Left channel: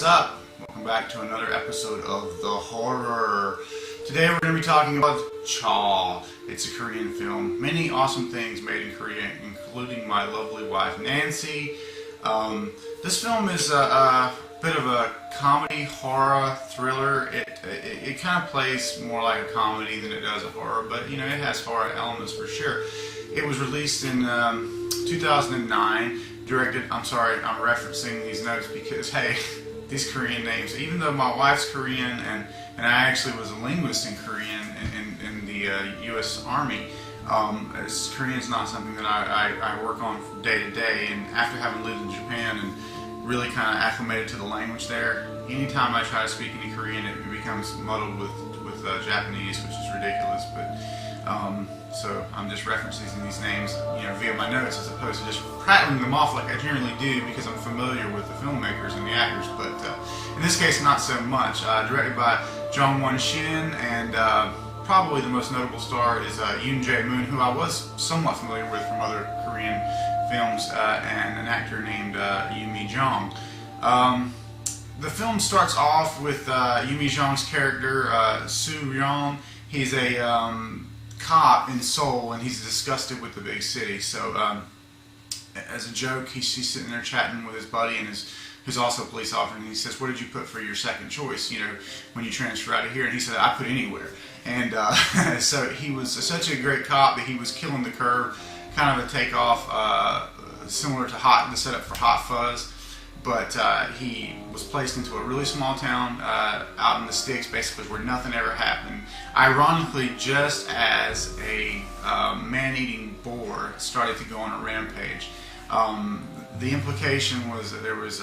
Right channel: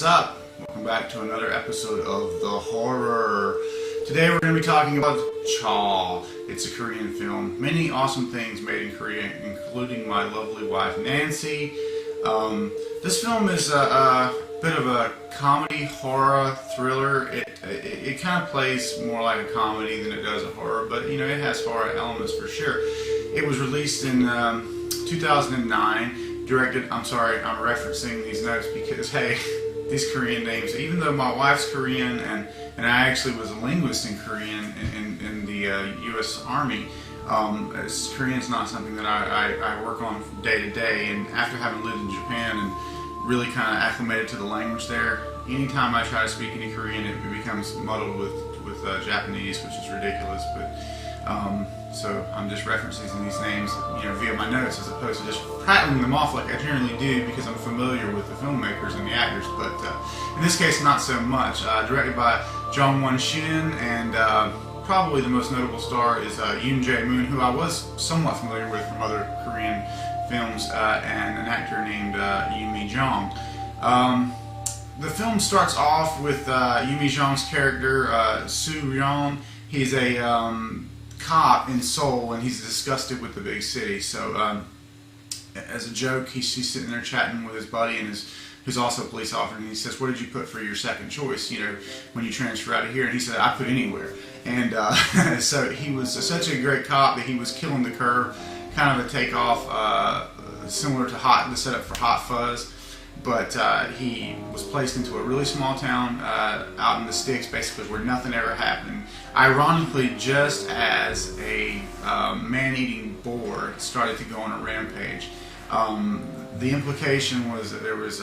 What's up? Welcome back to another episode of The Horror. Today we're going to be talking about CHAW. It's a Korean film. Many awesome things made in Korea, including my lovely wife Nancy. This film is a bit of a comedy, horror, thriller. It kind of plays more like a comedy than it does a horror, but you know, it has horror elements for sure. It was released in 2009. I'm referencing these notes because, hey, these Korean names, even though my wife's Korean and I actually was a linguist in Korean in the U.S. Army, Korean's not something that I work on day to day. And after having lived in Japan and really kind of acclimated to the language there, anytime I try to speak any Korean, it becomes muddled with Japanese, which is ridiculous. But so I'm just referencing these names, you know, via my notes as opposed to just prattling them off like I generally do because I'm familiar with the filmmakers and the actors. But in this case, not so much. Directed by Jong Won-shin, and probably the most notable star is Yoon Jae-moon, who I was somewhat familiar with from other Korean films, and an actor named Yoo Mi-jung. The film starts off with Yoo Mi-jung's character, Soo-ryun. He's a cop in Seoul, and he's disgusted with the big city. So, as a joke, he's sitting there chatting with his buddy, and who's also a police officer, and he says, "What did you put for your second choice, you know, when you transfer out of here?" And he said, "I put anywhere." And so he was such a great cop that he was killing the curve, kind of a takeoff, similar to the setup for Hot Fuzz. But he was placed into a really small town out in the sticks, basically where nothing ever happened. Ironically, just as a man-eating boar started to go on a rampage. The implication was that there was,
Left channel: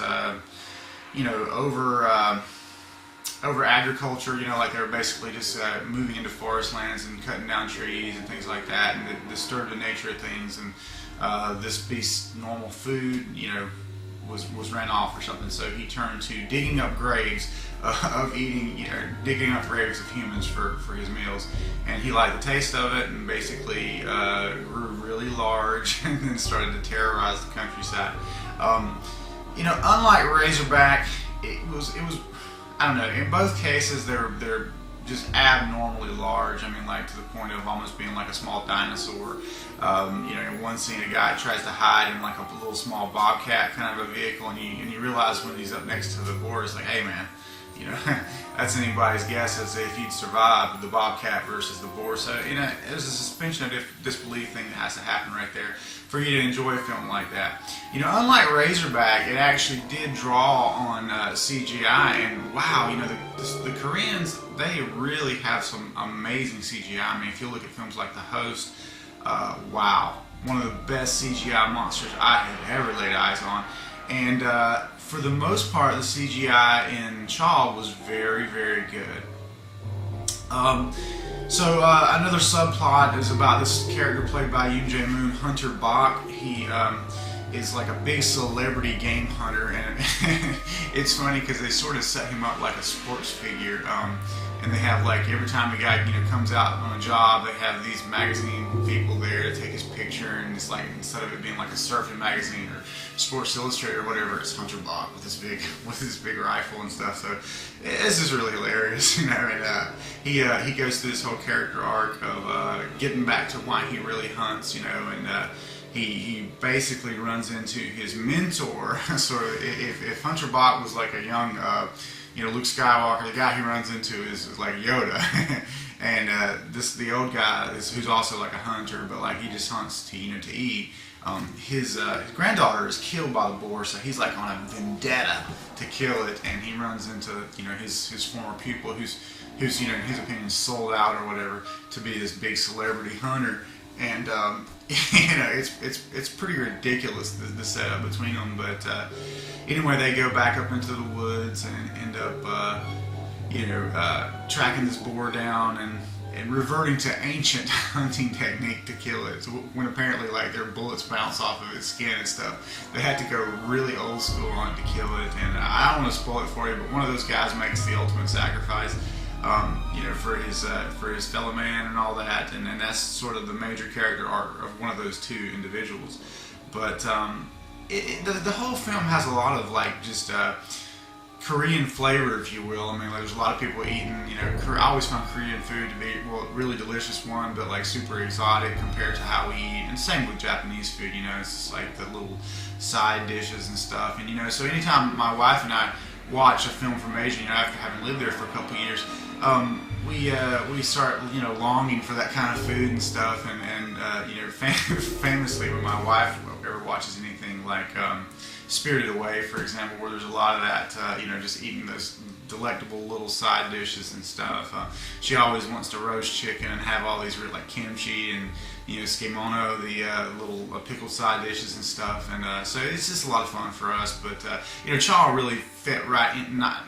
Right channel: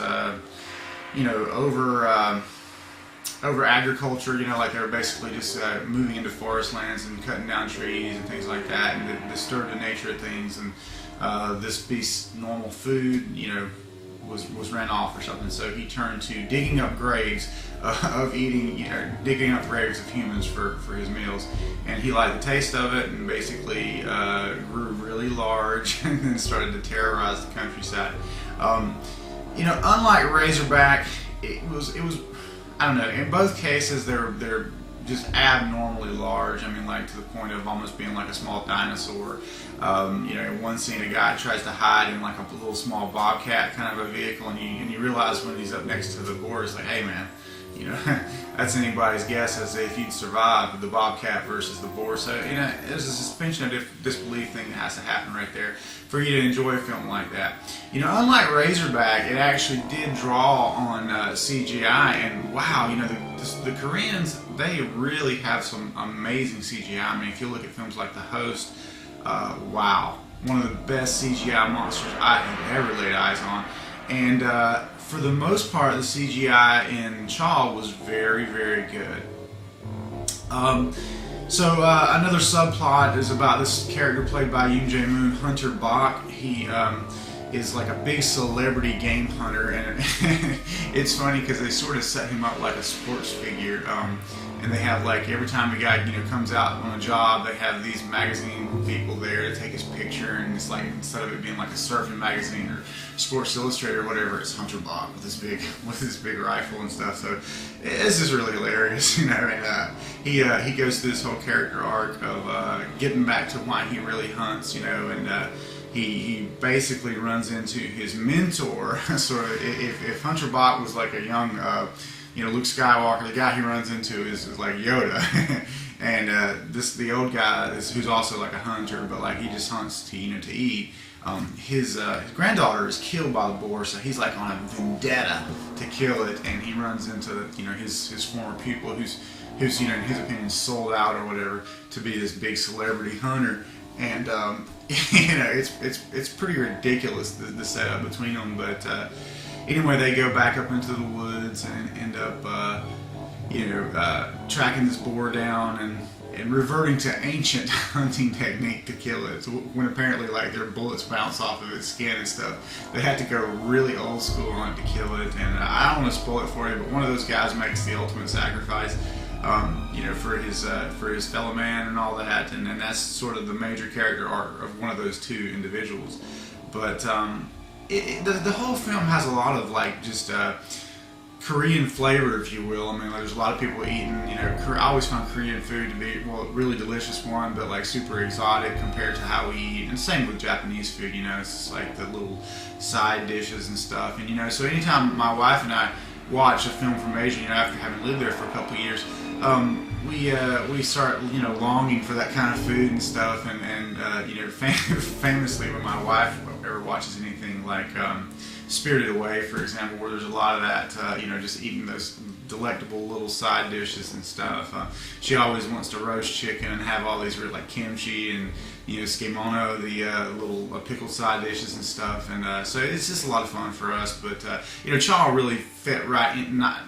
over agriculture. You know, like they were basically just moving into forest lands and cutting down trees and things like that, and it disturbed the nature of things. And this beast's normal food, you know, was ran off or something, so he turned to digging up graves digging up graves of humans for his meals, and he liked the taste of it, and basically grew really large and then started to terrorize the countryside. Unlike Razorback, it was I don't know. In both cases, they're just abnormally large. I mean, like to the point of almost being like a small dinosaur. In one scene, a guy tries to hide in like a little small bobcat kind of a vehicle, and you realize when he's up next to the boar, it's like, hey man, you know, that's anybody's guess as if you'd survive the bobcat versus the boar. So, you know, there's a suspension of disbelief thing that has to happen right there for you to enjoy a film like that. You know, unlike Razorback, it actually did draw on CGI, and wow, you know, the Koreans, they really have some amazing CGI. I mean, if you look at films like The Host, wow, one of the best CGI monsters I have ever laid eyes on. And for the most part, the CGI in CHAW was very, very good. Another subplot is about this character played by Yoon Jae-moon, Hunter Bach. He is like a big celebrity game hunter, and it's funny because they sort of set him up like a sports figure. And they have, like, every time a guy, you know, comes out on a job, they have these magazine people there to take his picture, and it's like, instead of it being like a surfing magazine or Sports Illustrated or whatever, it's Hunter Bach with this big rifle and stuff. So it's just really hilarious, you know. And he goes through this whole character arc of getting back to why he really hunts, you know, and he basically runs into his mentor. Sort of, if Hunter Bach was like a young Luke Skywalker, the guy he runs into is like Yoda. And the old guy who's also like a hunter, but like he just hunts to eat. His granddaughter is killed by the boar, so he's like on a vendetta to kill it, and he runs into, you know, his former pupil who's you know, in his opinion sold out or whatever to be this big celebrity hunter. And you know, it's pretty ridiculous, the setup between them. But anyway, they go back up into the woods and end up tracking this boar down and reverting to ancient hunting technique to kill it. So when apparently like their bullets bounce off of its skin and stuff, they had to go really old school on it to kill it. And I don't want to spoil it for you, but one of those guys makes the ultimate sacrifice, for his fellow man and all that, and that's sort of the major character arc of one of those two individuals. But the whole film has a lot of like just Korean flavor, if you will. I mean, like, there's a lot of people eating, I always found Korean food to be, well, really delicious one, but like super exotic compared to how we eat. And same with Japanese food, it's just like the little side dishes and stuff. And so anytime my wife and I watch a film from Asia, after having lived there for a couple of years, we start, longing for that kind of food and stuff. And famously, when my wife ever watches anything like Spirited Away, for example, where there's a lot of that, just eating those delectable little side dishes and stuff. She always wants to roast chicken and have all these like kimchi and skimono, the little pickled side dishes and stuff. And so it's just a lot of fun for us. But CHAW really fit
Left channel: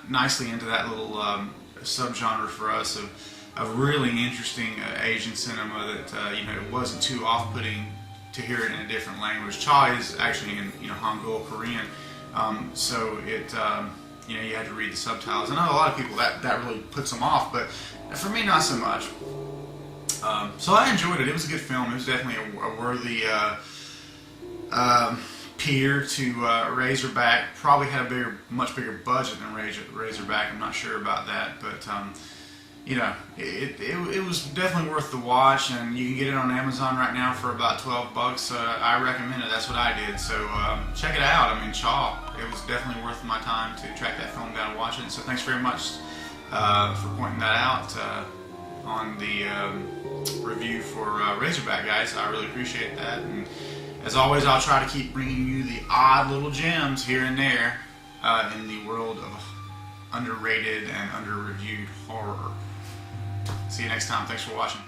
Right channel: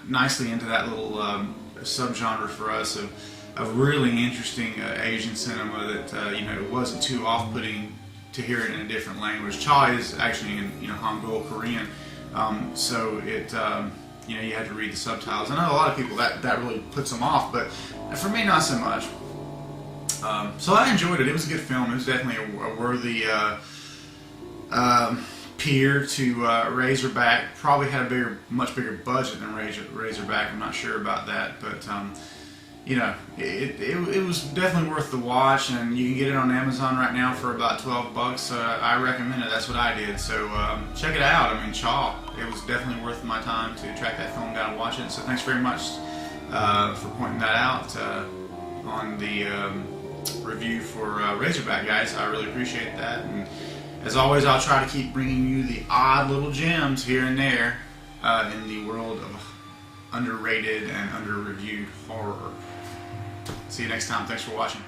nicely into that little subgenre for us of really interesting Asian cinema that wasn't too off-putting to hear it in a different language. CHAW is actually in Hangul, Korean, so it you had to read the subtitles. I know a lot of people that really puts them off, but for me, not so much. So I enjoyed it. It was a good film. It was definitely a worthy peer to Razorback. Probably had a much bigger budget than Razorback. I'm not sure about that, but it was definitely worth the watch, and you can get it on Amazon right now for about $12. So I recommend it. That's what I did. So check it out. I mean, CHAW. It was definitely worth my time to track that film down and watch it. So thanks very much for pointing that out on the review for Razorback, guys. I really appreciate that. And as always, I'll try to keep bringing you the odd little gems here and there in the world of underrated and under-reviewed horror. See you next time. Thanks for watching.